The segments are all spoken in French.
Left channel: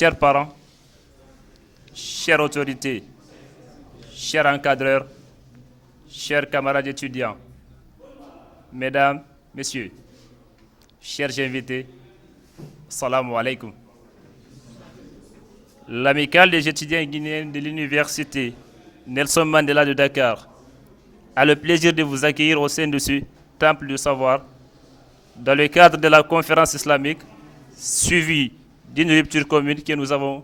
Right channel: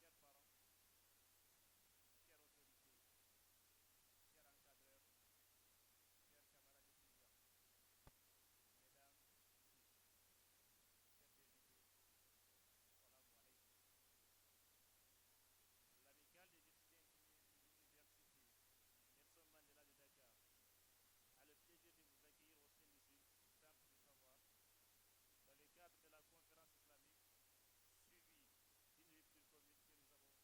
chers parents, chères autorités, chers encadreurs, chers camarades étudiants, mesdames, messieurs, chers invités, salam alaikum. L'amicale des étudiants guinéens de l'université Nelson Mandela de Dakar a le plaisir de vous accueillir au sein de ce temple du savoir dans le cadre de la conférence islamique suivie d'une rupture commune que nous avons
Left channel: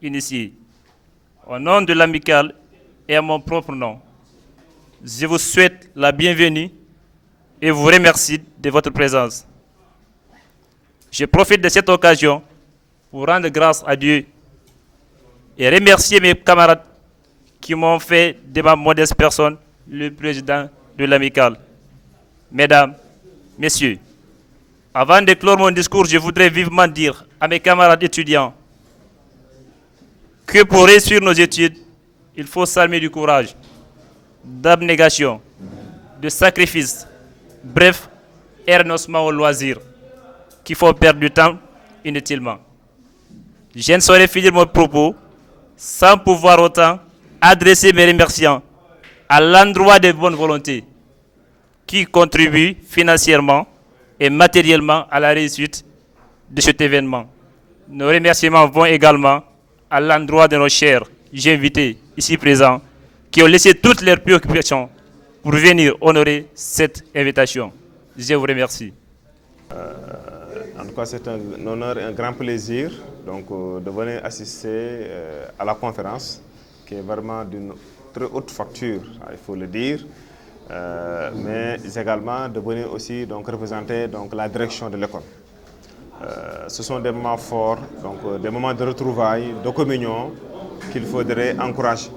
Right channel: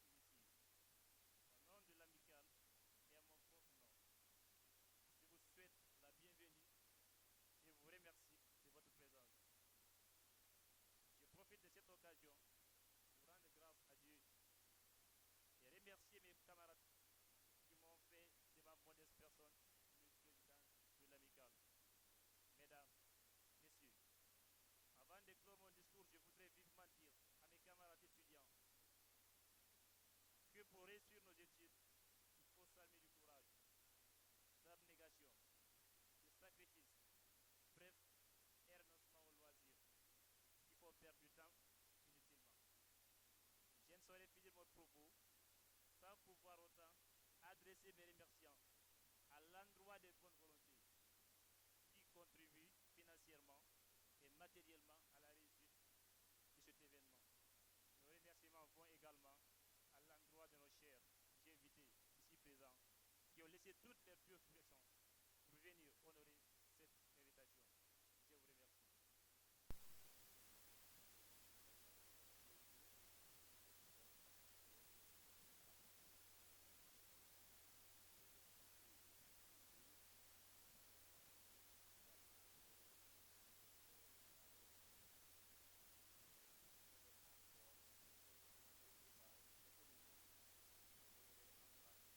initiée. Au nom de l'amicale et à mon propre nom, je vous souhaite la bienvenue et vous remercie de votre présence. Je profite de cette occasion pour rendre grâce à Dieu et remercier mes camarades qui m'ont fait de ma modeste personne le président de l'amicale. Mesdames, messieurs, avant de clore mon discours, je voudrais vivement dire à mes camarades étudiants que pour réussir nos études, il faut s'armer du courage, d'abnégation, de sacrifice, bref, et renoncement au loisir, qu'il faut perdre du temps inutilement. Je ne saurais finir mon propos sans pouvoir autant adresser mes remerciements à l'endroit des bonnes volontés qui contribuent financièrement et matériellement à la réussite de cet événement. Nos remerciements vont également à l'endroit de nos chers invités ici présents qui ont laissé toutes leurs préoccupations pour venir honorer cette invitation. Je vous remercie. En tout cas, c'est un honneur et un grand plaisir donc, de venir assister à la conférence qui est vraiment d'une très haute facture, il faut le dire, mais également de venir aussi donc, représenter donc, la direction de l'école. Ce sont des moments forts, donc, des moments de retrouvailles, de communion qu'il faudrait encourager.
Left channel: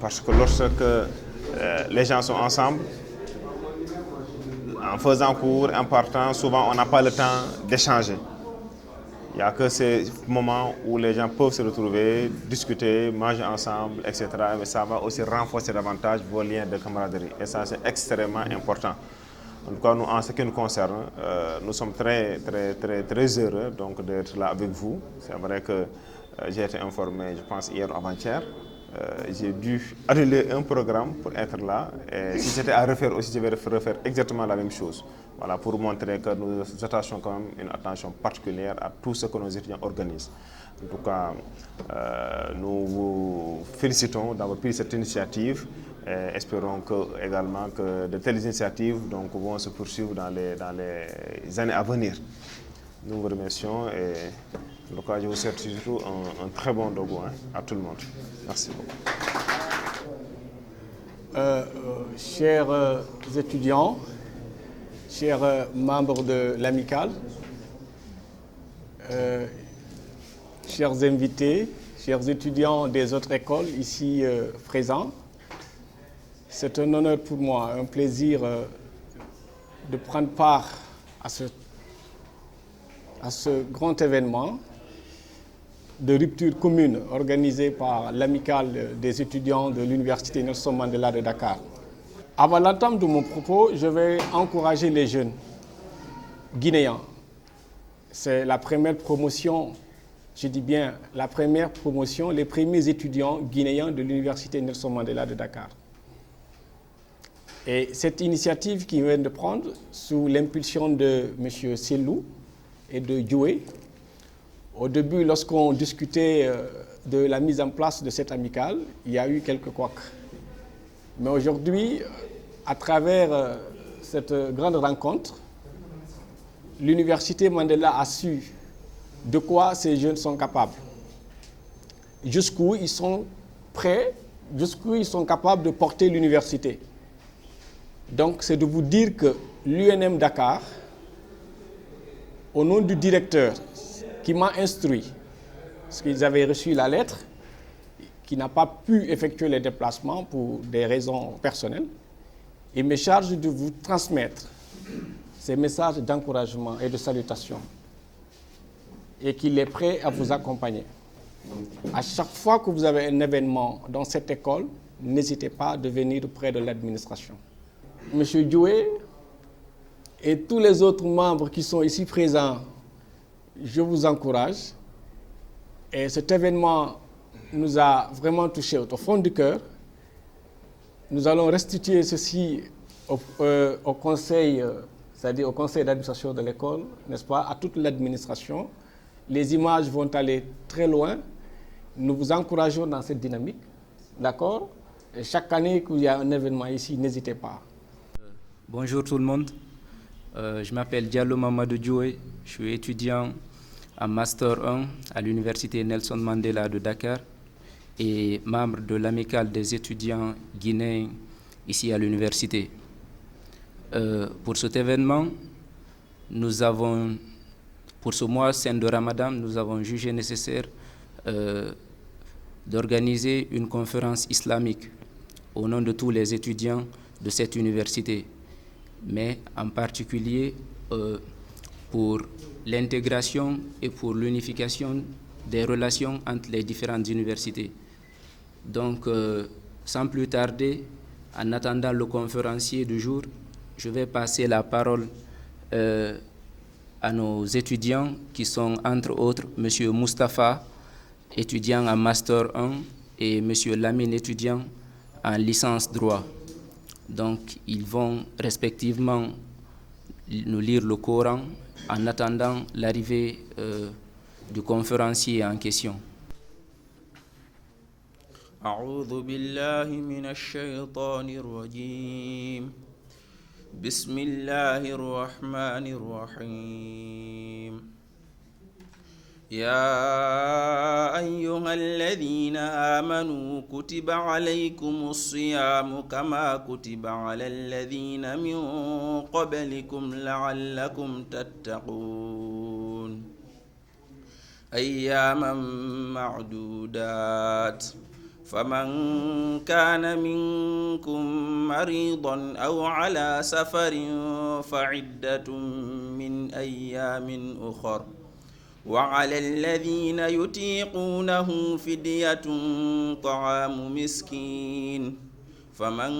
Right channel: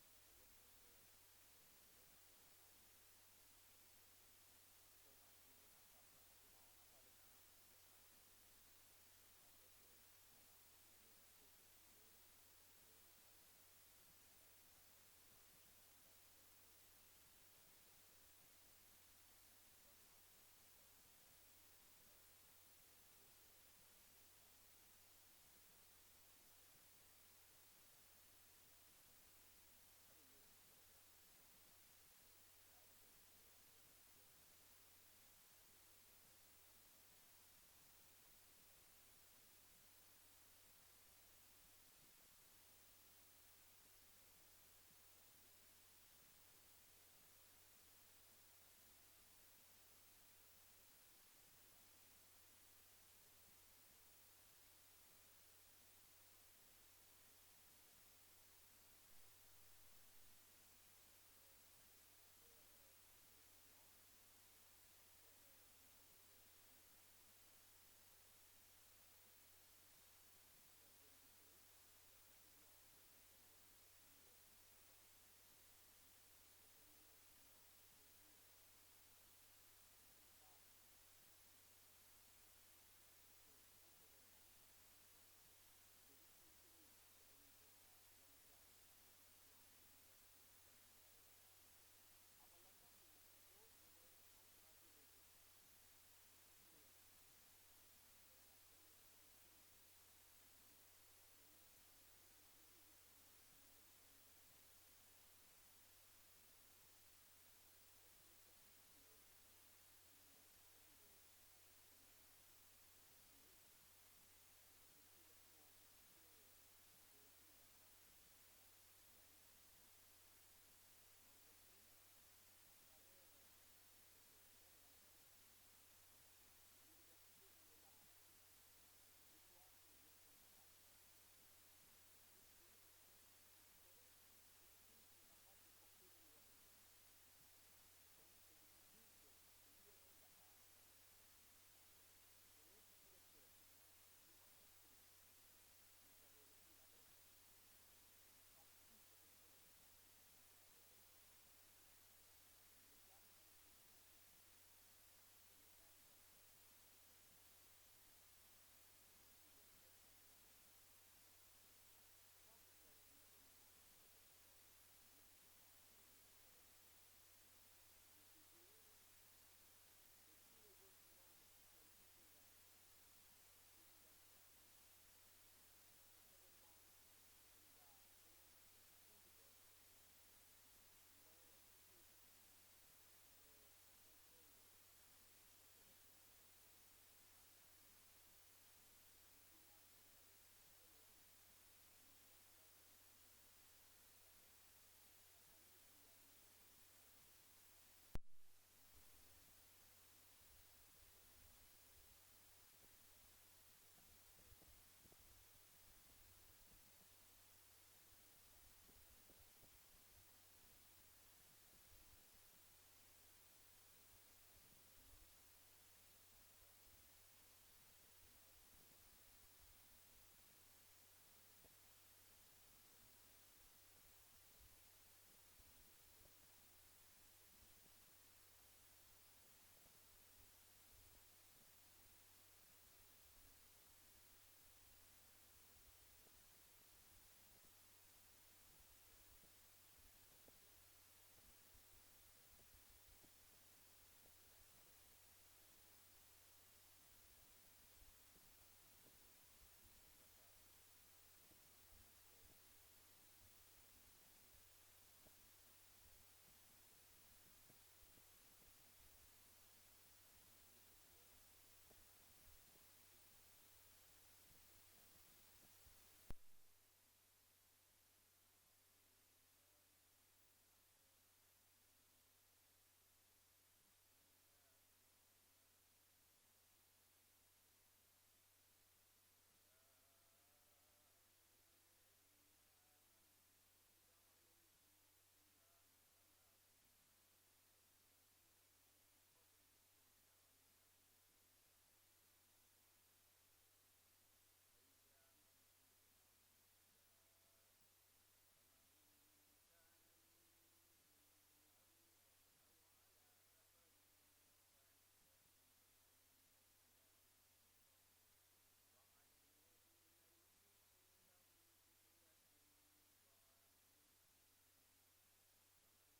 Parce que lorsque les gens sont ensemble, en faisant cours, en partant, souvent on n'a pas le temps d'échanger. Il n'y a que ces moments où les gens peuvent se retrouver, discuter, manger ensemble, etc. Mais ça va aussi renforcer davantage vos liens de camaraderie. Et ça, c'est extrêmement important. En tout cas, nous, en ce qui nous concerne, nous sommes très heureux donc, d'être là avec vous. C'est vrai que j'ai été informé, je pense, hier ou avant-hier. J'ai dû annuler un programme pour être là. Et si c'était à refaire aussi, je vais refaire exactement la même chose. Voilà, pour montrer que nous attachons quand même une attention particulière à tout ce que nos étudiants organisent. En tout cas, nous vous félicitons d'avoir pris cette initiative et espérons également que de telles initiatives donc, vont se poursuivre dans les années à venir. Nous vous remercions et en tout cas, je vous souhaite surtout un très bon dogo à tout le monde. Merci beaucoup. Chers étudiants, chers membres de l'amicale, chers invités, chers étudiants des autres écoles ici présents, c'est un honneur pour moi, un plaisir de prendre part à ce grand événement de rupture commune organisé par l'amicale des étudiants de l'université Nelson Mandela de Dakar. Avant l'entame de mon propos, je vais encourager les jeunes guinéens. C'est la première promotion, je dis bien la première promotion, les premiers étudiants guinéens de l'université Nelson Mandela de Dakar. Et cette initiative qu'ils viennent de prendre sous l'impulsion de M. Sellou et de Djoué, au début, lorsqu'on discutait de la mise en place de cette amicale, il y a eu quelques couacs. Mais aujourd'hui, à travers cette grande rencontre, l'université Mandela a su de quoi ces jeunes sont capables, jusqu'où ils sont prêts, jusqu'où ils sont capables de porter l'université. Donc, c'est de vous dire que l'UNM Dakar, au nom du directeur, qui m'a instruit, parce qu'ils avaient reçu la lettre, qui n'a pas pu effectuer les déplacements pour des raisons personnelles, il me charge de vous transmettre ces messages d'encouragement et de salutation et qu'il est prêt à vous accompagner. À chaque fois que vous avez un événement dans cette école, n'hésitez pas à venir près de l'administration. Monsieur Djoué et tous les autres membres qui sont ici présents, je vous encourage Et cet événement nous a vraiment touchés au fond du cœur. Nous allons restituer ceci au conseil, c'est-à-dire au conseil d'administration de l'école, n'est-ce pas, à toute l'administration. Les images vont aller très loin. Nous vous encourageons dans cette dynamique, d'accord? Et chaque année qu'il y a un événement ici, n'hésitez pas. Bonjour tout le monde. Je m'appelle Diallo Mamadou Djoué. Je suis étudiant en Master 1 à l'Université Nelson Mandela de Dakar et membre de l'amicale des étudiants guinéens ici à l'université. Pour cet événement, pour ce mois saint de Ramadan, nous avons jugé nécessaire d'organiser une conférence islamique au nom de tous les étudiants de cette université, mais en particulier pour l'intégration et pour l'unification des relations entre les différentes universités. Donc, sans plus tarder, en attendant le conférencier du jour, je vais passer la parole à nos étudiants qui sont entre autres M. Moustapha, étudiant en Master 1, et M. Lamine, étudiant en licence droit. Donc, ils vont respectivement nous lire le Coran en attendant l'arrivée du conférencier en question. أعوذ بالله من الشيطان الرجيم بسم الله الرحمن الرحيم يا أيها الذين آمنوا كتب عليكم الصيام كما كتب على الذين من قبلكم لعلكم تتقون أياما معدودات فمن كان منكم مريضا أو على سفر فعدة من أيام أخر وعلى الذين يطيقونه فدية طعام مسكين فمن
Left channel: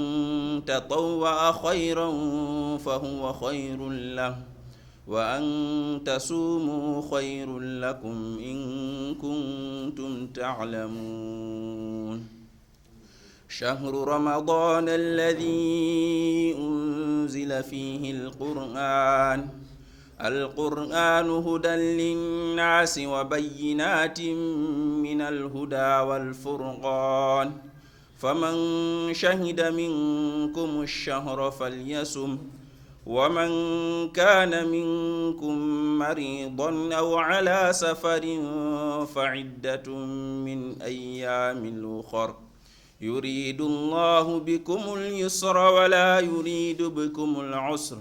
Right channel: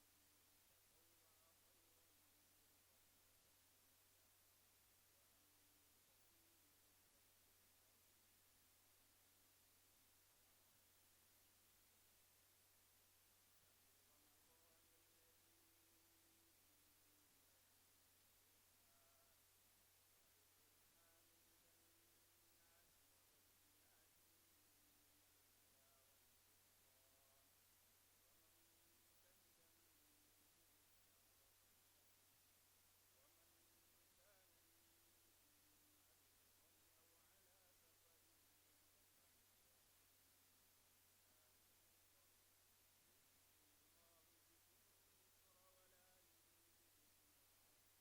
تطوع خيرا فهو خير له وأن تصوموا خير لكم إن كنتم تعلمون شهر رمضان الذي أنزل فيه القرآن هدى للناس وبينات من الهدى والفرقان فمن شهد منكم الشهر فليصم ومن كان منكم مريضا أو على سفر فعدة من أيام أخر يريد الله بكم اليسر ولا يريد بكم العسر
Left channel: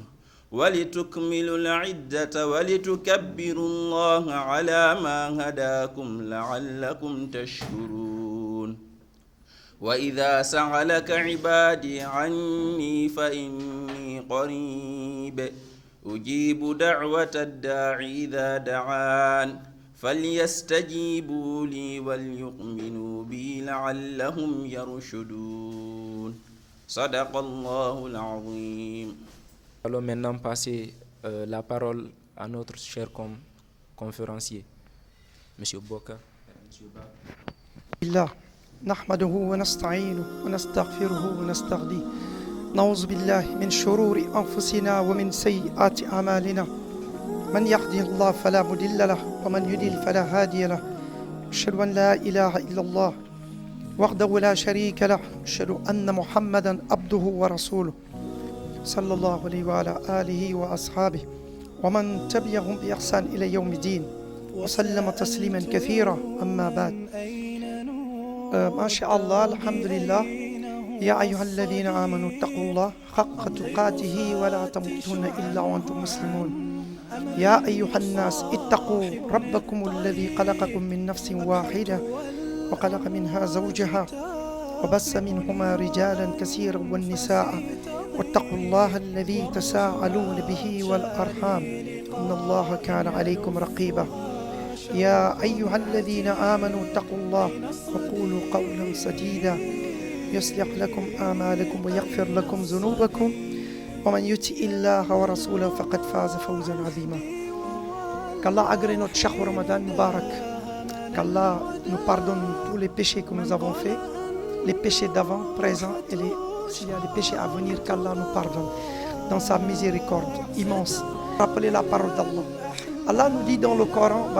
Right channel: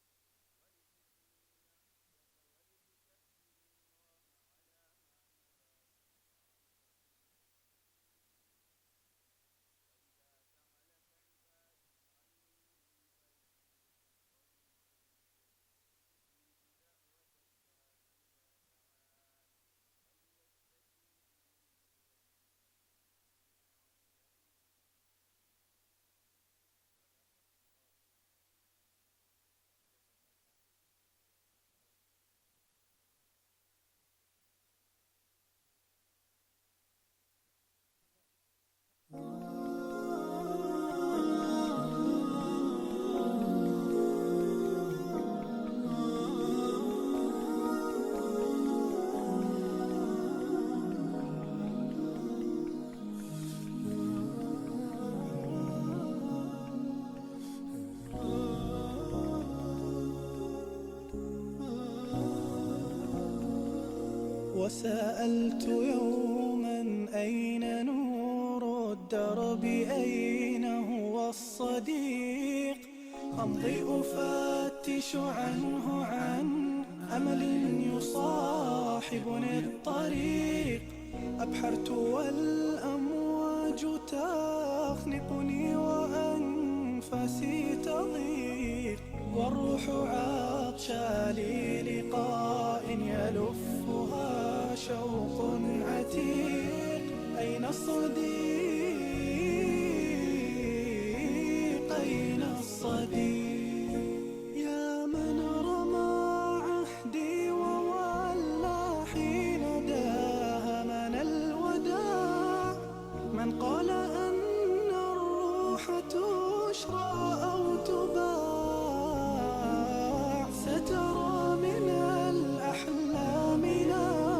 ولتكملوا العدة ولتكبروا الله على ما هداكم لعلكم تشكرون وإذا سألك عبادي عني فإني قريب أجيب دعوة الداعي إذا دعان فليستجيبوا لي وليؤمنوا بي لعلهم يرشدون صدق الله العظيم. Allons maintenant passer la parole à notre cher conférencier, M. Boka. الله نحمده ونستعينه ونستغفره ونستهديه نعوذ بالله من شرور أنفسنا ومن سيئات أعمالنا من يهده الله فلا مضل له ومن يضلل فلا هادي له أشهد أن لا إله إلا الله وحده لا شريك له أشهد أن محمدا عبده ورسوله صلى الله عليه وعلى آله وأصحابه ومن تبعهم بإحسان إلى يوم الدين وسلم تسليما كثيرا أما بعد. ما شاء الله الحمد لله. يا أيها الذين آمنوا اتقوا الله حق تقاته ولا تموتن إلا وأنتم مسلمون. يا أيها الناس اتقوا ربكم الذي خلقكم من نفس واحدة وخلق منها زوجها وبث منهما رجالا كثيرا والنساء واتقوا الله الذي تساءلون به والأرحام إن الله كان عليكم رقيبا. يا أيها الذين آمنوا اتقوا الله وقولوا قولا سديدا يصلح لكم أعمالكم ويغفر لكم ذنوبكم ومن يطع الله ورسوله فقد فاز فوزا عظيما. Qu'Allah agrée notre chahr Ramadan Mubarak qu'Allah nous pardonne tous les péchés que nous avons faits, les péchés d'avant, présents et les péchés à venir, qu'Allah nous pardonne dans sa miséricorde immense. Rappelez la parole d'Allah. Allah nous dit dans le Coran,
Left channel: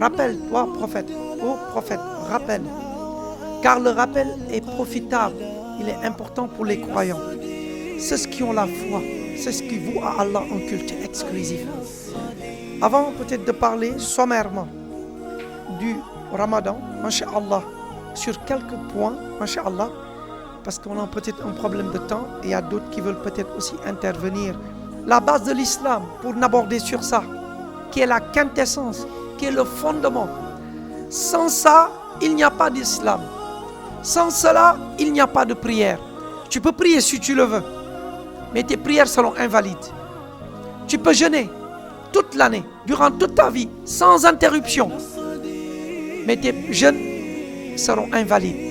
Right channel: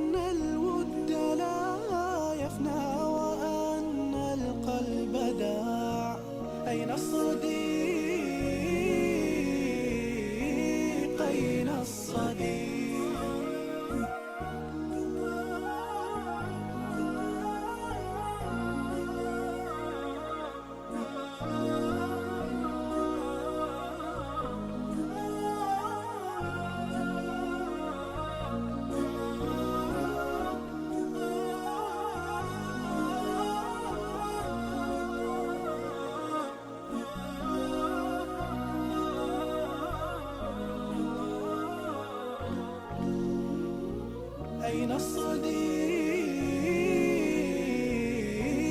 rappelle-toi, prophète, ô prophète, rappelle, car le rappel est profitable, il est important pour les croyants. C'est ce qui ont la foi, c'est ce qui voue à Allah en culte exclusif. Avant peut-être de parler sommairement du Ramadan, masha'Allah, sur quelques points, masha'Allah, parce qu'on a peut-être un problème de temps et il y a d'autres qui veulent peut-être aussi intervenir. La base de l'islam, pour n'aborder sur ça, qui est la quintessence, qui est le fondement. Sans ça, il n'y a pas d'islam. Sans cela, il n'y a pas de prière. Tu peux prier si tu le veux, mais tes prières seront invalides. Tu peux jeûner toute l'année, durant toute ta vie, sans interruption, mais tes jeûnes seront invalides.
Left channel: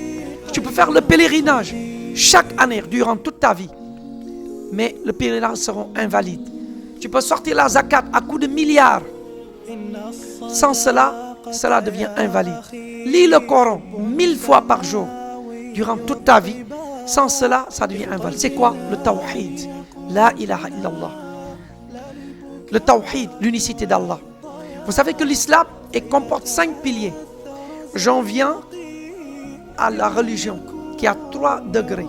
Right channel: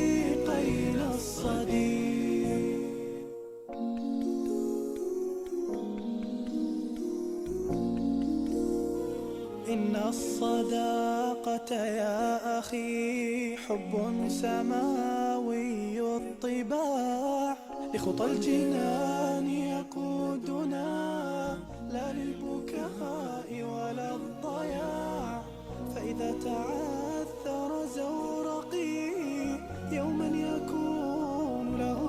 Tu peux faire le pèlerinage chaque année, durant toute ta vie, mais le pèlerinage seront invalides. Tu peux sortir la zakat à coups de milliards. Sans cela, cela devient invalide. Lis le Coran 1000 fois par jour, durant toute ta vie. Sans cela, ça devient invalide. C'est quoi le tawhid? La ilaha illallah. Le tawhid, l'unicité d'Allah. Vous savez que l'islam comporte 5 piliers. J'en viens à la religion qui a 3 degrés.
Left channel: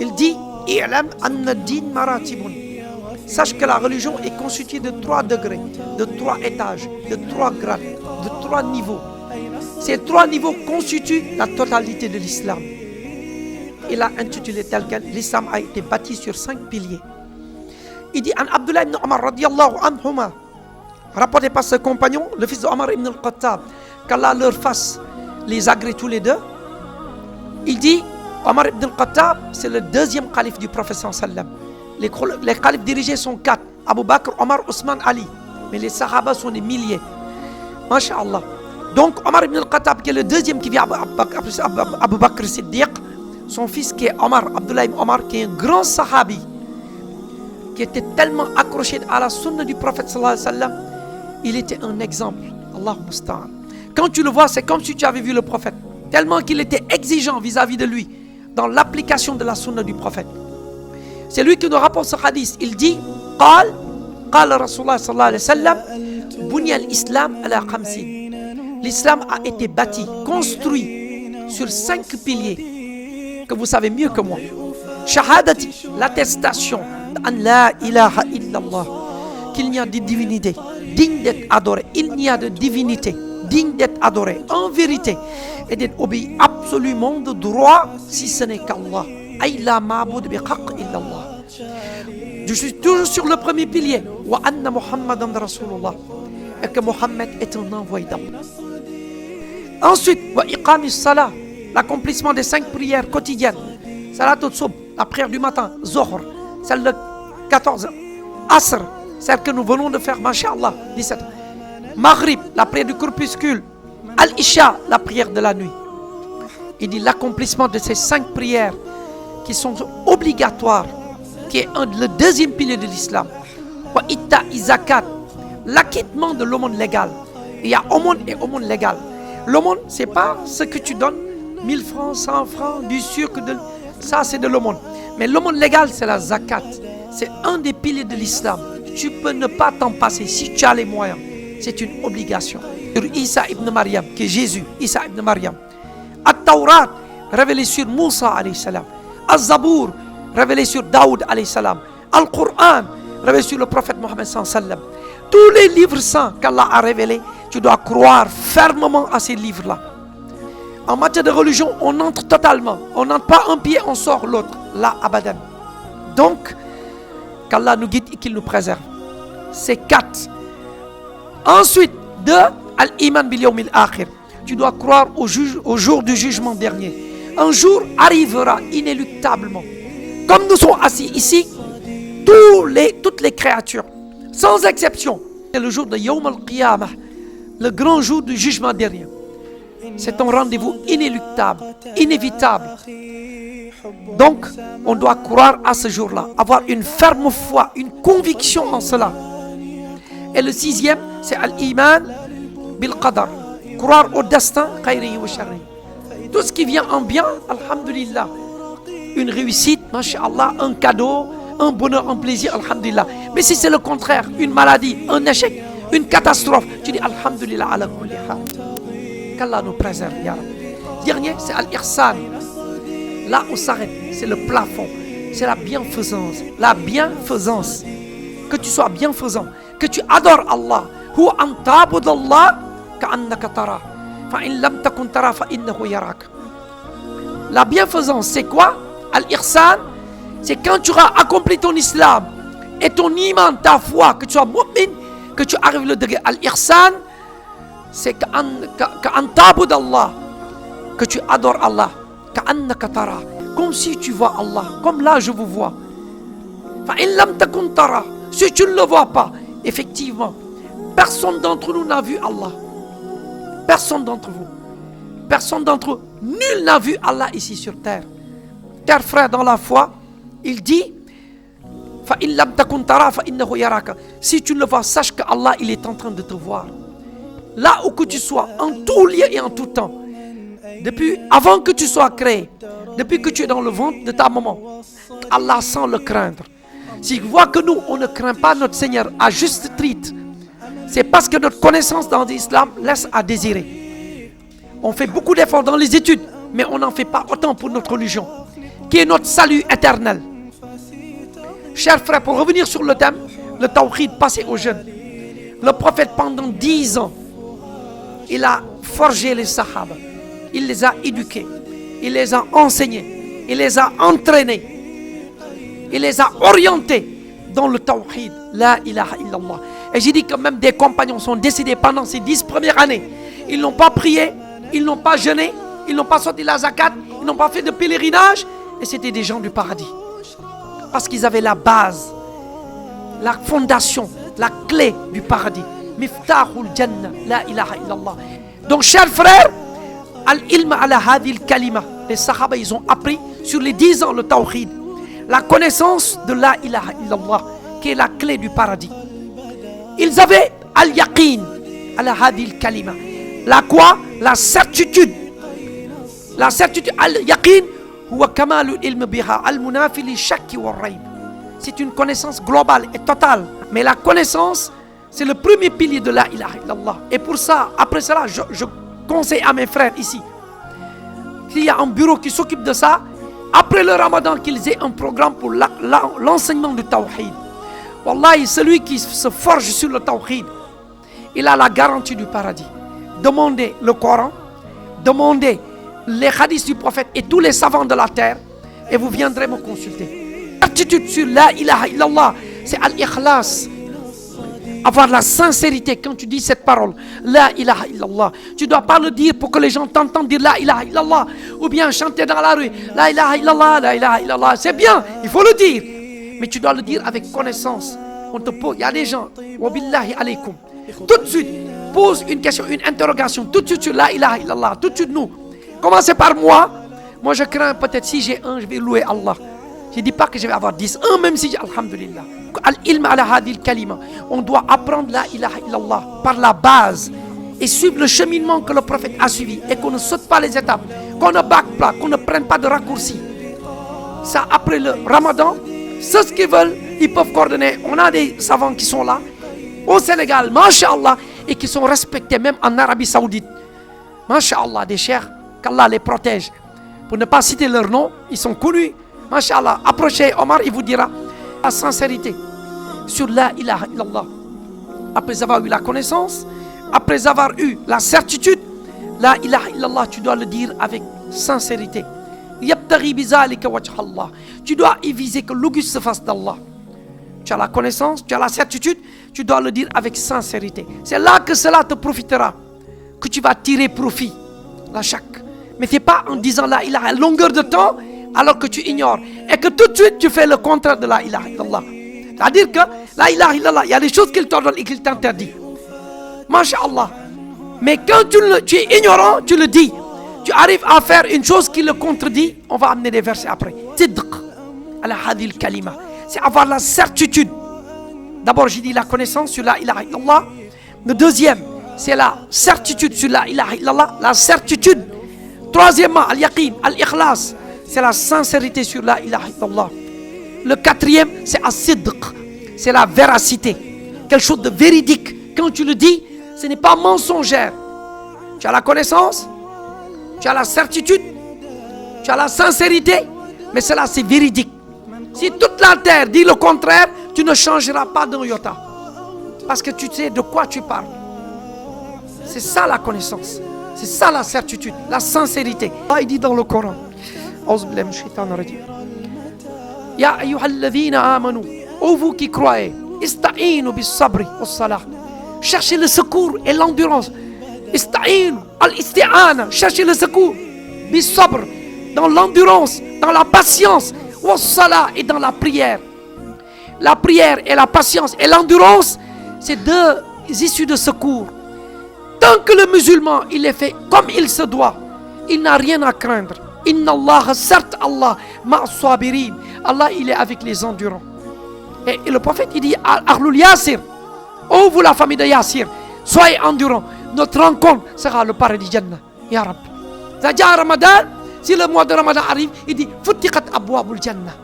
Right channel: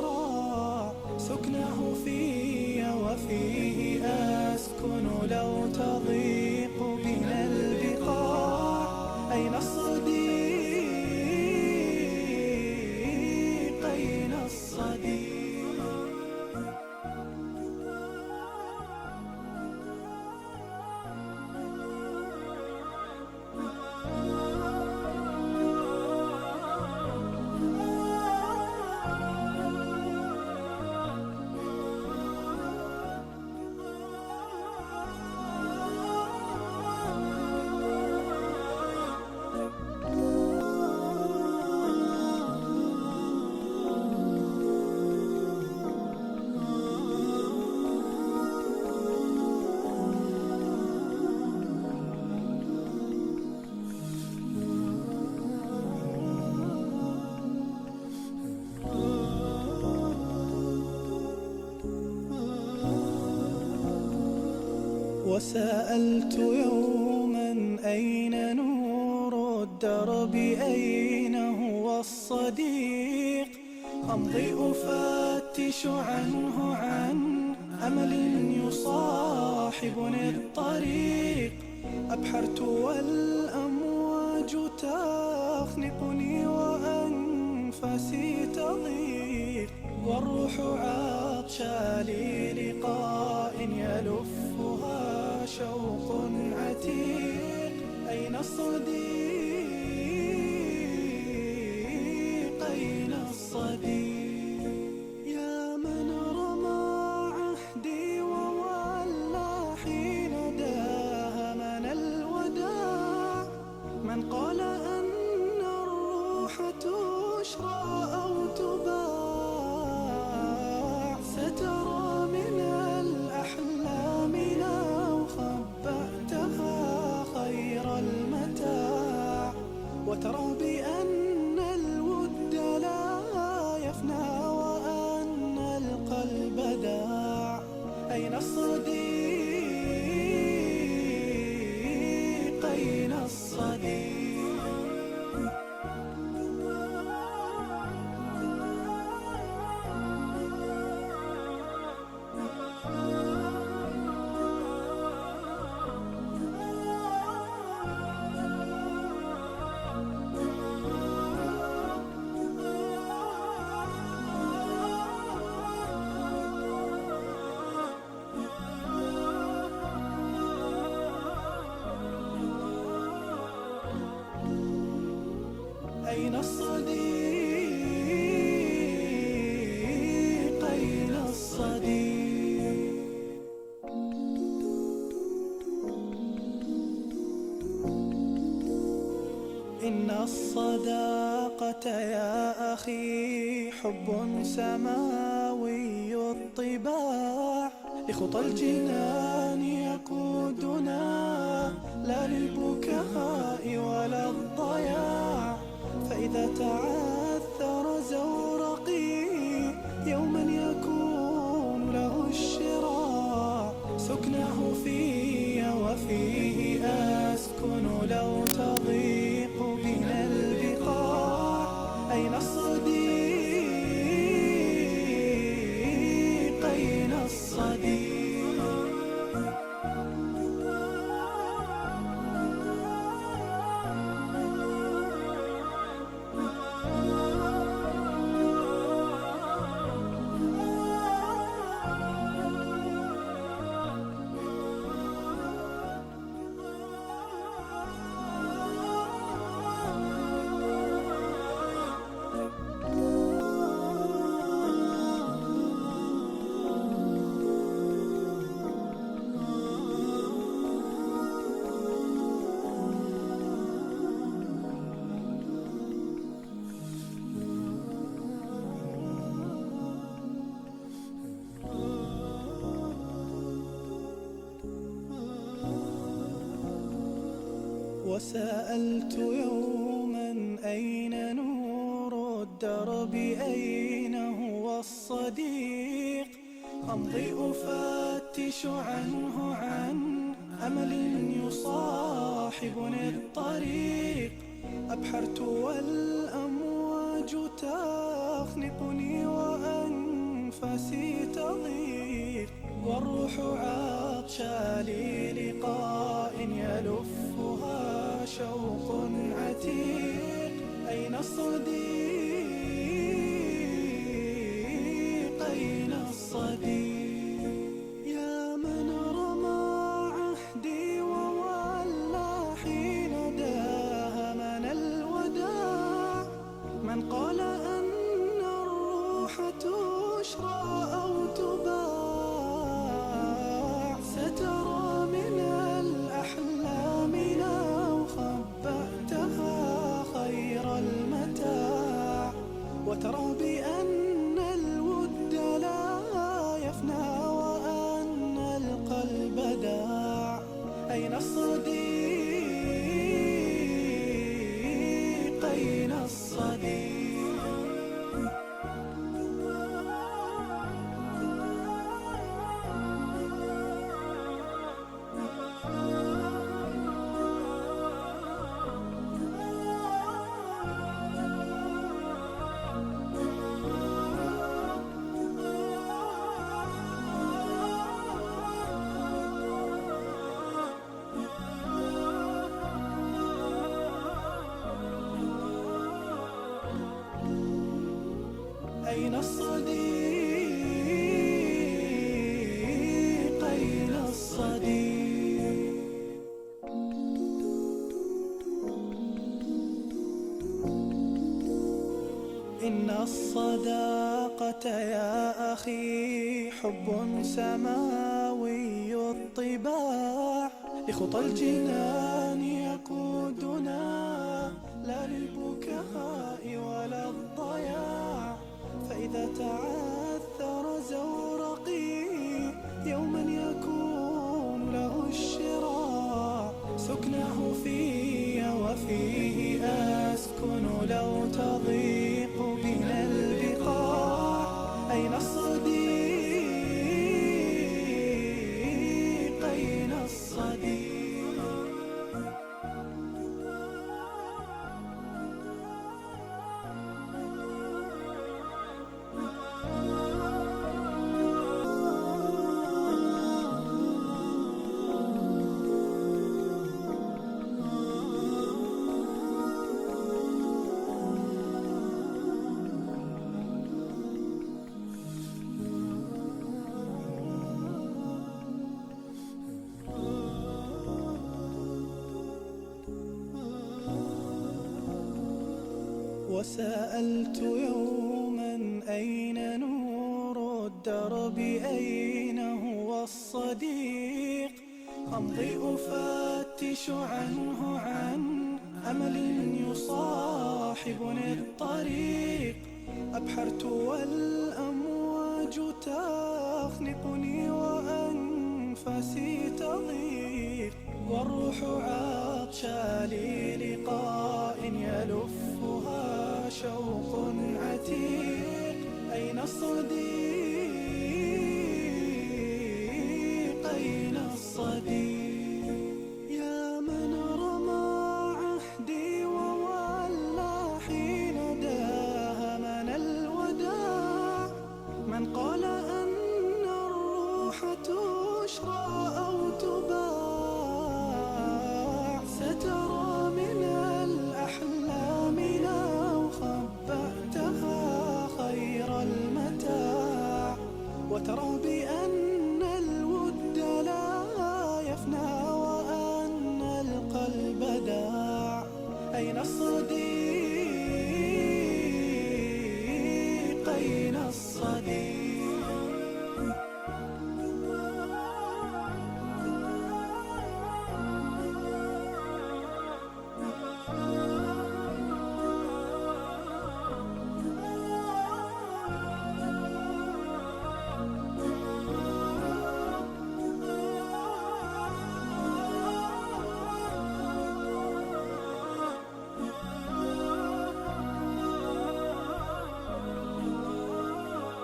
Il dit i'lam anna ad-din maratibun. Sache que la religion est constituée de 3 degrés, de 3 étages, de 3 grades, de 3 niveaux. Ces 3 niveaux constituent la totalité de l'islam. Il a intitulé tel quel, l'islam a été bâti sur 5 piliers. Il dit, An Abdullah ibn Omar radiallahu anhuma, rapporté par ce compagnon, le fils d'Omar ibn al-Khattab, qu'Allah leur fasse les agrès tous les deux. Il dit, Omar ibn al-Khattab, c'est le 2e calife du prophète sallam. Les califes dirigés sont 4, Abu Bakr, Omar, Ousmane, Ali. Mais les sahaba sont des milliers. Masha'Allah. Donc Omar ibn al-Khattab, qui est le 2e qui vient Abu Bakr Siddiq, son fils qui est Omar, Abdullah ibn Omar, qui est un grand sahabi, qui était tellement accroché à la sunna du prophète sallallahu alayhi wa sallam, il était un exemple. Allah musta'an. Quand tu le vois, c'est comme si tu avais vu le prophète. Tellement qu'il était exigeant vis-à-vis de lui, dans l'application de la sunna du prophète. C'est lui qui nous rapporte ce hadith. Il dit, قال رسول الله صلى الله عليه وسلم بني الإسلام على 50. L'islam a été bâti, construit sur 5 piliers que vous savez mieux que moi. Shahadati, l'attestation an la ilaha illallah, qu'il n'y a de divinité digne d'être adorée. Il n'y a de divinité digne d'être adorée en vérité et d'être obéi absolument de droit si ce n'est qu'Allah. Ay la ma'bud bi haqq illallah. Je suis toujours sur le premier pilier. Wa anna Muhammadan Rasulullah. Et que Mohammed est un envoyé d'Allah. Ensuite, wa iqamis salah, l'accomplissement des 5 prières quotidiennes. Salatul Subh, la prière du matin. Zohr, celle de 14. Asr, celle que nous venons de faire, masha'Allah, 17. Maghrib, la prière du crépuscule. Al-Isha, la prière de la nuit. Il dit l'accomplissement de ces 5 prières qui sont obligatoires, qui est le 2e pilier de l'islam. Wa itta zakat, l'acquittement de l'aumône légale. Il y a aumône et aumône légale. L'aumône, c'est pas ce que tu donnes, 1000 francs, 100 francs, du sucre, ça c'est de l'aumône. Mais l'aumône légale, c'est la zakat. C'est un des piliers de l'islam. Tu peux ne pas t'en passer si tu as les moyens. C'est une obligation. Sur Isa ibn Maryam, qui est Jésus, Isa ibn Maryam. At-Tawrat, révélé sur Moussa alayhi salam. Az-Zabour, révélé sur Daoud alayhi salam. Al-Qur'an, révélé sur le prophète Mohammed sallallahu alayhi wa sallam. Tous les livres saints qu'Allah a révélés, tu dois croire fermement à ces livres-là. En matière de religion, on entre totalement. On n'entre pas un pied, on sort l'autre. Là, abadan. Donc, qu'Allah nous guide et qu'il nous préserve. C'est 4. Ensuite, 2, al-iman bil yawmil akhir. Tu dois croire au jour du jugement dernier. Un jour arrivera inéluctablement. Comme nous sommes assis ici, toutes les créatures, sans exception, c'est le jour de Yawm al-Qiyamah, le grand jour du jugement dernier. C'est un rendez-vous inéluctable, inévitable. Donc, on doit croire à ce jour-là, avoir une ferme foi, une conviction en cela. Et le 6e, c'est al-iman bil-qadar. Croire au destin, khayrihi wa sharrihi. Tout ce qui vient en bien, alhamdulillah. Une réussite, masha'Allah, un cadeau, un bonheur, un plaisir, alhamdulillah. Mais si c'est le contraire, une maladie, un échec, une catastrophe, tu dis alhamdulillah ala kulli hal. Qu'Allah nous préserve, ya Rabbi. Dernier, c'est al-ihsan. Là où s'arrête, c'est le plafond, c'est la bienfaisance. La bienfaisance. Que tu sois bienfaisant, que tu adores Allah. Hu an ta'budallah ka'annaka tara. Fa in lam takun tara fa innahu yarak. La bienfaisance, c'est quoi? Al-ihsan, c'est quand tu auras accompli ton islam et ton iman, ta foi, que tu sois mu'min, que tu arrives le degré. Al-ihsan, c'est ka'an ta'budallah, que tu adores Allah. Ka'annaka tara, comme si tu vois Allah, comme là je vous vois. Fa in lam takun tara, si tu ne le vois pas, effectivement, personne d'entre nous n'a vu Allah. Personne d'entre vous. Personne d'entre eux. Nul n'a vu Allah ici sur terre. Cher frère dans la foi, il dit fa in lam takun tara fa innahu yaraka. Si tu ne le vois, sache que Allah il est en train de te voir. Là où que tu sois, en tout lieu et en tout temps. Depuis avant que tu sois créé, depuis que tu es dans le ventre de ta maman, Allah sans le craindre. S'il voit que nous, on ne craint pas notre Seigneur à juste titre, c'est parce que notre connaissance dans l'islam laisse à désirer. On fait beaucoup d'efforts dans les études, mais on n'en fait pas autant pour notre religion, qui est notre salut éternel. Chers frères, pour revenir sur le thème, le tawhid passé aux jeunes. Le prophète, pendant 10 ans, il a forgé les sahaba. Il les a éduqués, il les a enseignés, il les a entraînés, il les a orientés dans le tawhid, la ilaha illallah. Et j'ai dit que même des compagnons sont décédés pendant ces 10 premières années. Ils n'ont pas prié, ils n'ont pas jeûné, ils n'ont pas sorti la zakat, ils n'ont pas fait de pèlerinage. Et c'était des gens du paradis. Parce qu'ils avaient la base, la fondation, la clé du paradis. Miftahul Jannah, la ilaha illallah. Donc chers frères, al-ilm ala hadil kalima. Les sahaba, ils ont appris sur les 10 ans le tawhid. La connaissance de la ilaha illallah, qui est la clé du paradis. Ils avaient al-yaqin ala hadil kalima. La quoi? La certitude. La certitude. Al-yaqin huwa kamalu ilm biha al-munafi li shakki wa rayb. C'est une connaissance globale et totale. Mais la connaissance, c'est le premier pilier de la ilaha illallah. Et pour ça, après cela, je conseille à mes frères ici, qu'il y a un bureau qui s'occupe de ça, après le ramadan, qu'ils aient un programme pour l'enseignement du tawhid. Wallahi, celui qui se forge sur le tawhid, il a la garantie du paradis. Demandez le Coran, demandez les hadiths du prophète et tous les savants de la terre, et vous viendrez me consulter. L'attitude sur la ilaha illallah, c'est al-ikhlas. Avoir la sincérité quand tu dis cette parole, la ilaha illallah. Tu ne dois pas le dire pour que les gens t'entendent dire la ilaha illallah, ou bien chanter dans la rue, la ilaha illallah, la ilaha illallah. C'est bien, il faut le dire, mais tu dois le dire avec connaissance. On te pose, il y a des gens, wabillahi alaykum, tout de suite, pose une question, une interrogation, tout de suite sur la ilaha illallah, tout de suite nous. Commencez par moi. Moi je crains peut-être si j'ai un, je vais louer Allah. Je ne dis pas que je vais avoir 10, un même si j'ai, alhamdulillah. Al-ilm ala hadil kalima. On doit apprendre la ilaha illallah par la base et suivre le cheminement que le prophète a suivi et qu'on ne saute pas les étapes, qu'on ne back pas, qu'on ne prenne pas de raccourcis. Ça, après le ramadan, ceux qui veulent, ils peuvent coordonner. On a des savants qui sont là, au Sénégal, masha'Allah, et qui sont respectés même en Arabie Saoudite. Masha'Allah, des chers, qu'Allah les protège. Pour ne pas citer leur nom, ils sont connus. Masha'Allah, approchez Omar, il vous dira la sincérité sur la ilaha illallah. Après avoir eu la connaissance, après avoir eu la certitude, la ilaha illallah, tu dois le dire avec sincérité. Yabtaghi bizalika wajha Allah. Tu dois y viser que l'auguste se fasse d'Allah. Tu as la connaissance, tu as la certitude, tu dois le dire avec sincérité. C'est là que cela te profitera, que tu vas tirer profit. La chaque. Mais ce n'est pas en disant la ilaha à longueur de temps, alors que tu ignores, et que tout de suite tu fais le contraire de la ilaha illallah. C'est-à-dire que la ilaha illallah, il y a des choses qu'il t'ordonne et qu'il t'interdit. Masha'Allah. Mais quand tu es ignorant, tu le dis. Tu arrives à faire une chose qui le contredit, on va amener des versets après. Sidq ala hadil kalima. C'est avoir la certitude. D'abord, j'ai dit la connaissance sur la ilaha illallah. Le deuxième, c'est la certitude sur la ilaha illallah. La certitude. Troisièmement, al-yaqin, al-ikhlas. C'est la sincérité sur la ilaha illallah. Le quatrième, c'est as-sidq. C'est la véracité. Quelque chose de véridique. Quand tu le dis, ce n'est pas mensongère. Tu as la connaissance, tu as la certitude, tu as la sincérité, mais cela c'est véridique. Si toute la terre dit le contraire, tu ne changeras pas d'un iota. Parce que tu sais de quoi tu parles. C'est ça la connaissance. C'est ça la certitude, la sincérité. Allah dit dans le Coran, Ya ayyuhalladhina amanu, ô vous qui croyez, ista'inu bis sabri was salah. Cherchez le secours et l'endurance. Ista'in, al-isti'ana, cherchez le secours. Bis sabr, dans l'endurance, dans la patience. Was salah, et dans la prière. La prière et la patience et l'endurance, c'est deux issues de secours. Tant que le musulman, il est fait comme il se doit, il n'a rien à craindre. Inna Allah, certes Allah, ma'as-sabirin. Allah, il est avec les endurants. Et le prophète, il dit, Ahlul Yasir, ô vous la famille de Yassir, soyez endurants. Notre rencontre sera le paradis Jannah. Ya Rabbi. Zaja Ramadan, si le mois de Ramadan arrive, il dit, Futtiqat abwabul Jannah.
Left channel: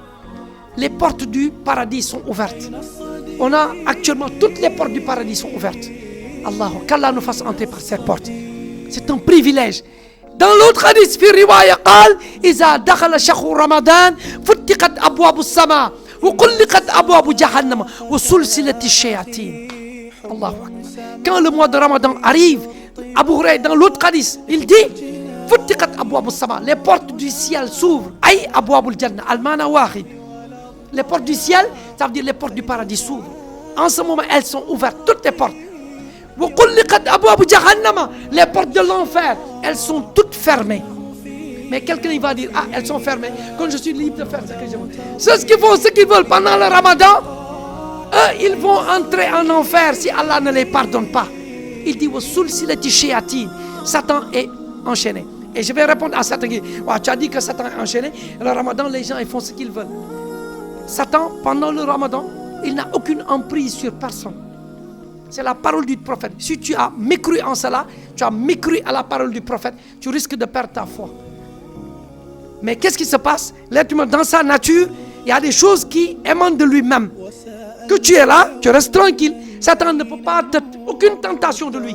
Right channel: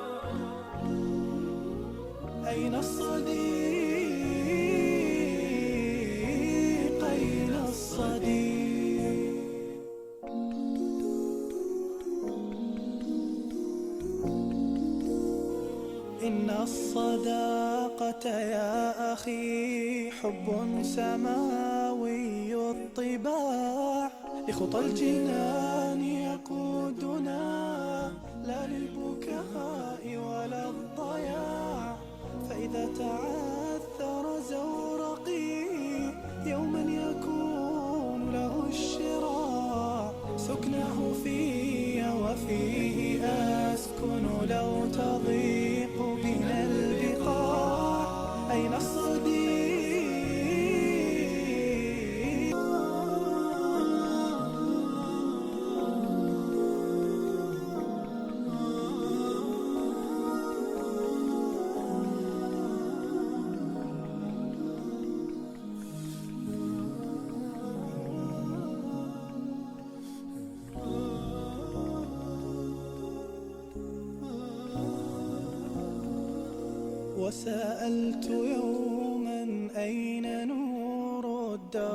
Les portes du paradis sont ouvertes. On a actuellement toutes les portes du paradis sont ouvertes. Allah, qu'Allah nous fasse entrer par cette porte. C'est un privilège. Dans l'autre hadith, في الرواية قال إذا دخل شهر رمضان فتقت أبواب السماء وغلقت أبواب جهنم وسلسلة الشياطين. Allah. Quand le mois de Ramadan arrive, Abu Huraïra dans l'autre hadith, il dit فتقت أبواب السماء. Les portes du ciel s'ouvrent. أي أبواب الجنة المعنى واحد. Les portes du ciel, ça veut dire les portes du paradis s'ouvrent. En ce moment, elles sont ouvertes, toutes les portes. Les portes de l'enfer, elles sont toutes fermées. Mais quelqu'un il va dire, ah, elles sont fermées, quand je suis libre de faire ce que je veux. C'est ce qu'ils font, ce qu'ils veulent pendant le Ramadan. Eux, ils vont entrer en enfer si Allah ne les pardonne pas. Il dit, Satan est enchaîné. Et je vais répondre à Satan qui dit, tu as dit que Satan est enchaîné. Le Ramadan, les gens ils font ce qu'ils veulent. Satan, pendant le Ramadan, il n'a aucune emprise sur personne. C'est la parole du prophète. Si tu as mécru en cela, tu as mécru à la parole du prophète, tu risques de perdre ta foi. Mais qu'est-ce qui se passe? L'être humain, dans sa nature, il y a des choses qui émanent de lui-même. Que tu es là, tu restes tranquille. Satan ne peut pas te... aucune tentation de lui.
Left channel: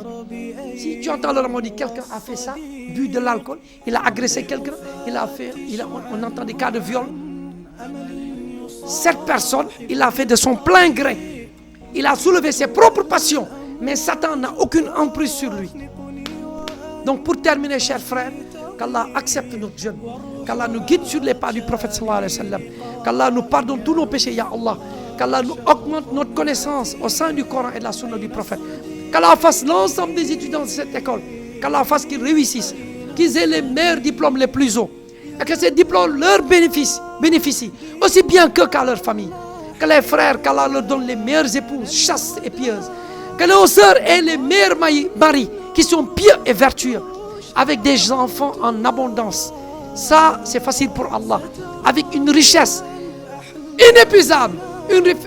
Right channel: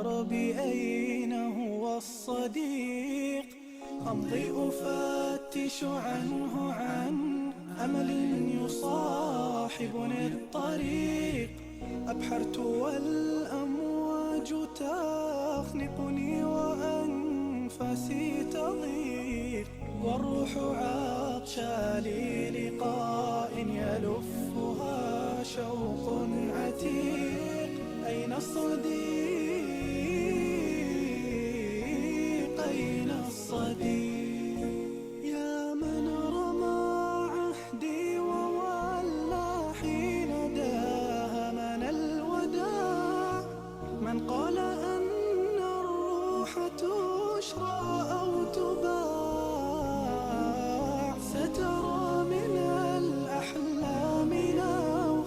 Si tu entends le Ramadan, quelqu'un a fait ça, bu de l'alcool, il a agressé quelqu'un, on entend des cas de viol. Cette personne, il a fait de son plein gré. Il a soulevé ses propres passions, mais Satan n'a aucune emprise sur lui. Donc pour terminer, chers frères, qu'Allah accepte notre jeûne, qu'Allah nous guide sur les pas du prophète sallallahu alayhi wa sallam, qu'Allah nous pardonne tous nos péchés, ya Allah, qu'Allah nous augmente notre connaissance au sein du Coran et de la sunna du prophète, qu'Allah fasse l'ensemble des étudiants de cette école, qu'Allah fasse qu'ils réussissent, qu'ils aient les meilleurs diplômes les plus hauts, et que ces diplômes leur bénéficient, aussi bien qu'à leur famille. Que les frères, qu'Allah leur donne les meilleures épouses, chastes et pieuses. Que les sœurs aient les meilleurs maris qui sont pieux et vertueux, avec des enfants en abondance. Ça, c'est facile pour Allah. Avec une richesse inépuisable,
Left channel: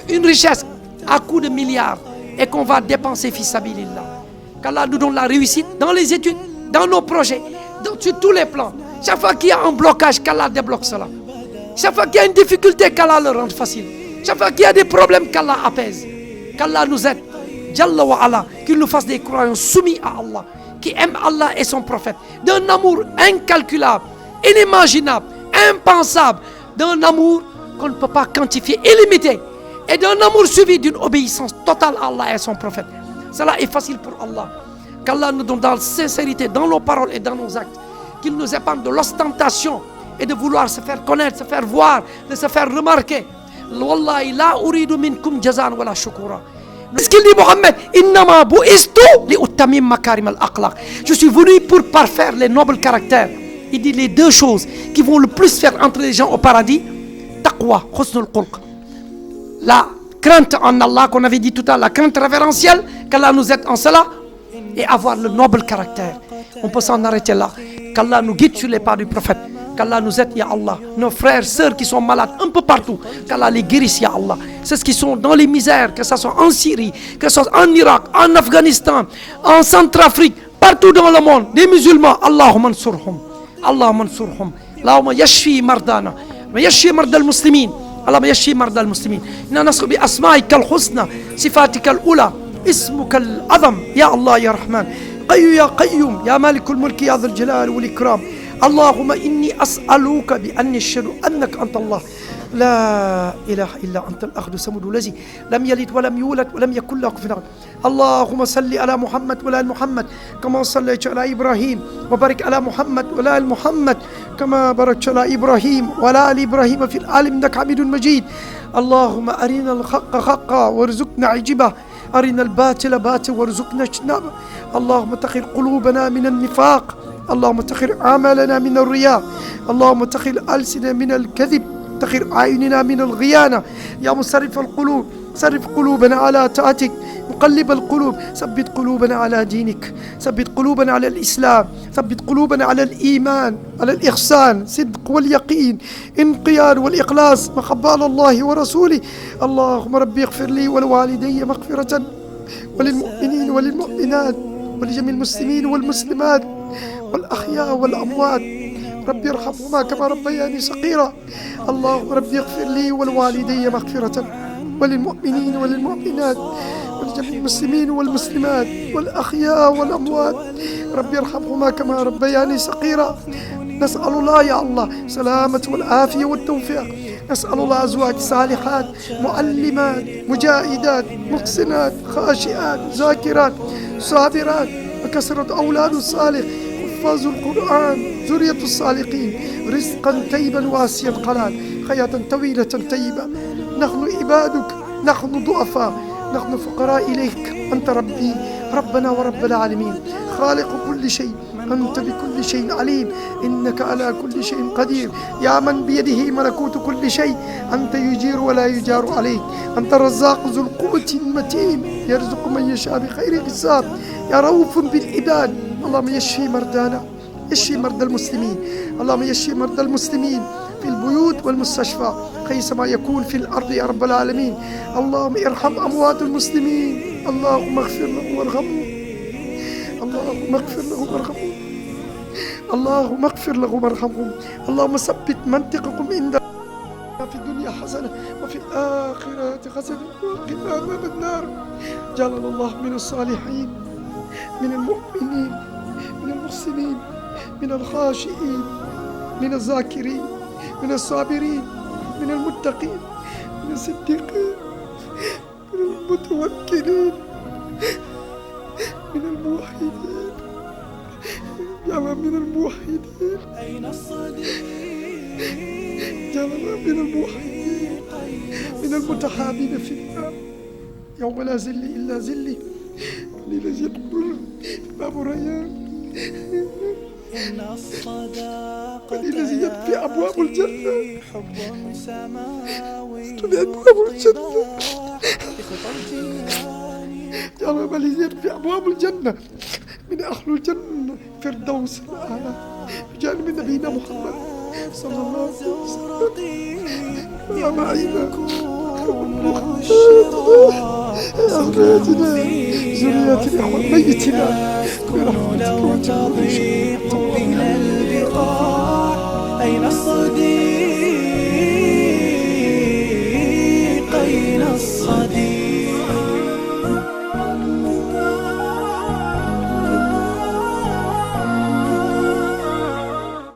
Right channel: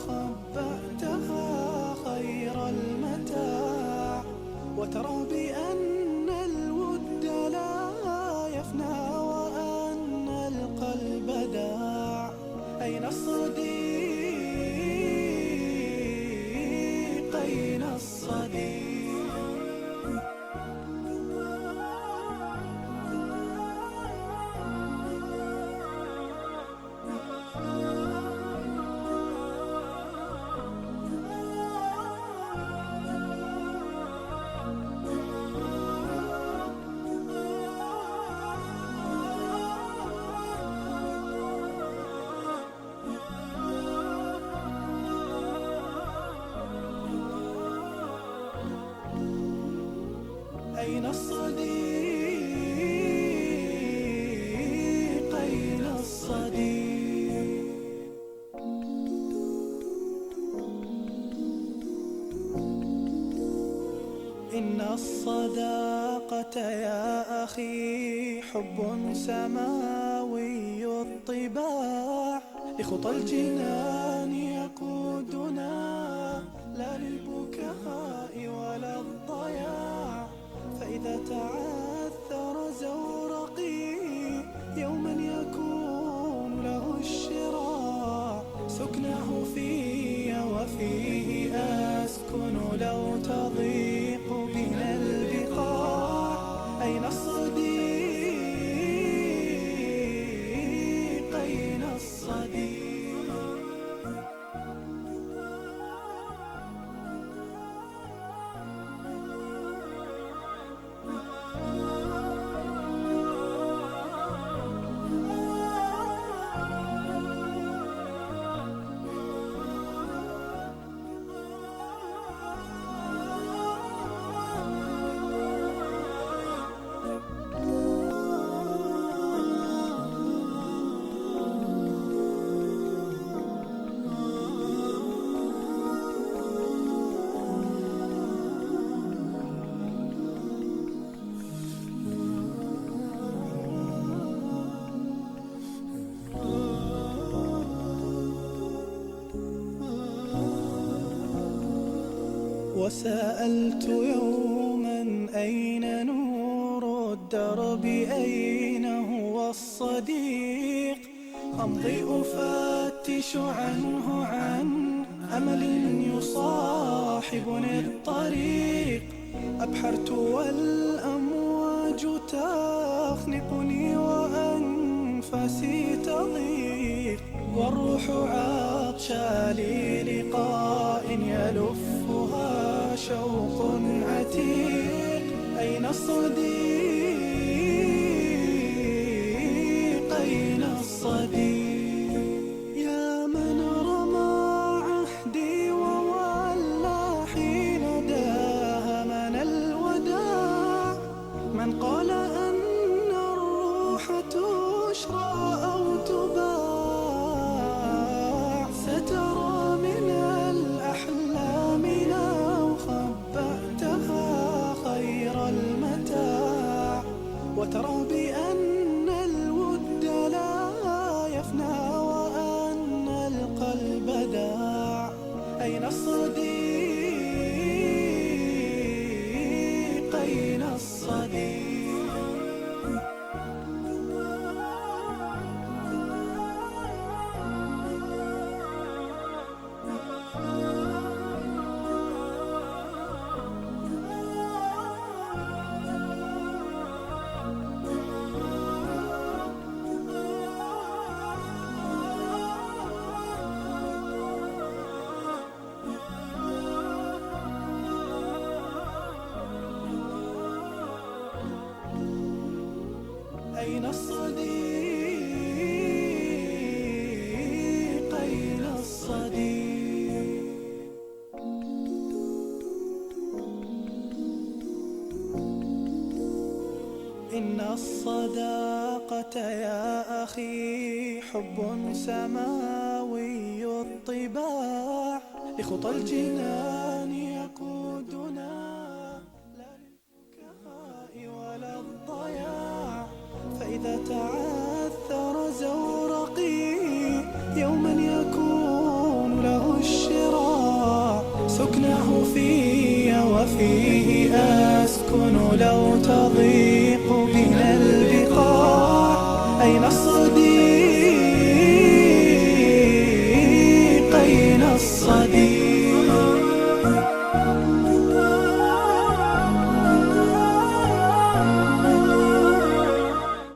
une richesse à coups de milliards, et qu'on va dépenser fils sabilillah. Qu'Allah nous donne la réussite dans les études, dans nos projets, sur tous les plans. Chaque fois qu'il y a un blocage, qu'Allah débloque cela. Chaque fois qu'il y a une difficulté, qu'Allah le rende facile. Chaque fois qu'il y a des problèmes, qu'Allah apaise. Qu'Allah nous aide. Jalla wa ala, qu'il nous fasse des croyants soumis à Allah, qui aiment Allah et son prophète, d'un amour incalculable, inimaginable, impensable, d'un amour qu'on ne peut pas quantifier, illimité, et d'un amour suivi d'une obéissance totale à Allah et son prophète. Cela est facile pour Allah. Qu'Allah nous donne dans la sincérité, dans nos paroles et dans nos actes, qu'il nous épargne de l'ostentation et de vouloir se faire connaître, se faire voir, de se faire remarquer. Wallahi la uridu minkum jazaan wala shukura. Ce qu'il dit Mohammed, innama bu'istu li utamim makarim al-akhlaq. Je suis venu pour parfaire les nobles caractères. Il dit les deux choses qui vont le plus faire entrer les gens au paradis, taqwa, husnul khulq. La crainte en Allah qu'on avait dit tout à l'heure, la crainte révérentielle, qu'Allah nous aide en cela, et avoir le noble caractère. On peut s'en arrêter là. Qu'Allah nous guide sur les pas du prophète. Qu'Allah nous aide, Ya Allah. Nos frères, sœurs qui sont malades un peu partout, qu'Allah les guérisse, Ya Allah. C'est ce qui sont dans les misères, que ce soit en Syrie, que ce soit en Irak, en Afghanistan, en Centrafrique, partout dans le monde, des musulmans. Allahumma ansurhum. Allahumma ansurhum. Allahumma yashfi mardana. ويشفي مرضى المسلمين اللهم يشفي مرضى المسلمين إننا نسأل بأسمائك الحسنى صفاتك الأولى اسمك العظم يا الله يا رحمن يا قيوم يا مالك الملك يا ذا الجلال والإكرام اللهم إني أسألك بأني أشهد أنك أنت الله لا إله إلا أنت الأحد الصمد الذي لم يلد ولم يولد ولم يكن له كفوا أحد اللهم صل على محمد وعلى آل محمد كما صليت على إبراهيم وبارك على محمد وعلى آل محمد كما باركت على إبراهيم وعلى آل إبراهيم في العالمين إنك حميد مجيد اللهم أرنا الحق حقا وارزقنا عجبه أرنا الباطل باطلا وارزقنا اجتنابه اللهم طهر قلوبنا من النفاق اللهم طهر أعمالنا من الرياء اللهم طهر ألسننا من الكذب طهر أعيننا من الغيانة يا مصرف القلوب صرف قلوبنا على طاعتك مقلب القلوب ثبت قلوبنا على دينك ثبت قلوبنا على الإسلام ثبت قلوبنا على الإيمان على الإحسان صدق واليقين انقياد والإخلاص محبة على الله ورسوله اللهم ربي اغفر لي ولوالدي مغفرة وللمؤمنين والمؤمنات ولجميع المسلمين والمسلمات والأحياء والأموات ربي ارحمهما كما ربياني صغيرا اللهم ربي اغفر لي ولوالدي مغفرة وللمؤمنين والمؤمنات ولجميع المسلمين والمسلمات والأحياء والأموات ربي ارحمهما كما ربياني صغيرا نسأل الله يا الله سلامة والعافية والتوفيق نسأل الله أزواج صالحات معلمات مجاهدات محسنات خاشعات ذاكرات صابرات وكثرة أولاد صالح حفاظ القرآن ذرية الصالحين رزقا طيبا واسعا قناة حياة طويلة طيبة نحن عبادك نحن ضعفاء نحن فقراء إليك أنت ربي ربنا ورب العالمين خالق كل شيء أنت بكل شيء عليم إنك على كل شيء قدير يا من بيده ملكوت كل شيء أنت يجير ولا يجار عليه أنت الرزاق ذو القوة المتين يرزق من يشاء بخير حساب يا رؤوف بالعباد اللهم يشفي مرضانا يشفي مرضى المسلمين اللهم يشفي مرضى المسلمين في البيوت والمستشفى حيثما يكون في الأرض يا رب العالمين اللهم ارحم أموات المسلمين اللهم اغفر لهم وارحمهم اللهم اغفر لهم وارحمهم اللهم اغفر لهم وارحمهم اللهم ثبت منطقهم عندك في الدنيا حسنة وفي الآخرة حسنة وقنا عذاب النار جعلنا الله من الصالحين من المؤمنين من المحسنين من الخاشعين من الذاكرين من الصابرين من المتقين من الصديقين من المتوكلين من الموحدين يا من من الموحدين أين الصديق يا من من الموحدين من المتحابين في الله يوم لا ذل إلا ذلي قليل جد باب ريان إن الصداقة يا أخي حب سماوي ارتباع بخطى الجنان يا رب لي في أبواب الجنة من أهل الجنة فردوس الأعلى بجانب نبينا محمد صلى الله عليه وسلم يوم يكون له الشراء سكنه في وفي أسكن لو تضيق بنا البقاع أين الصديق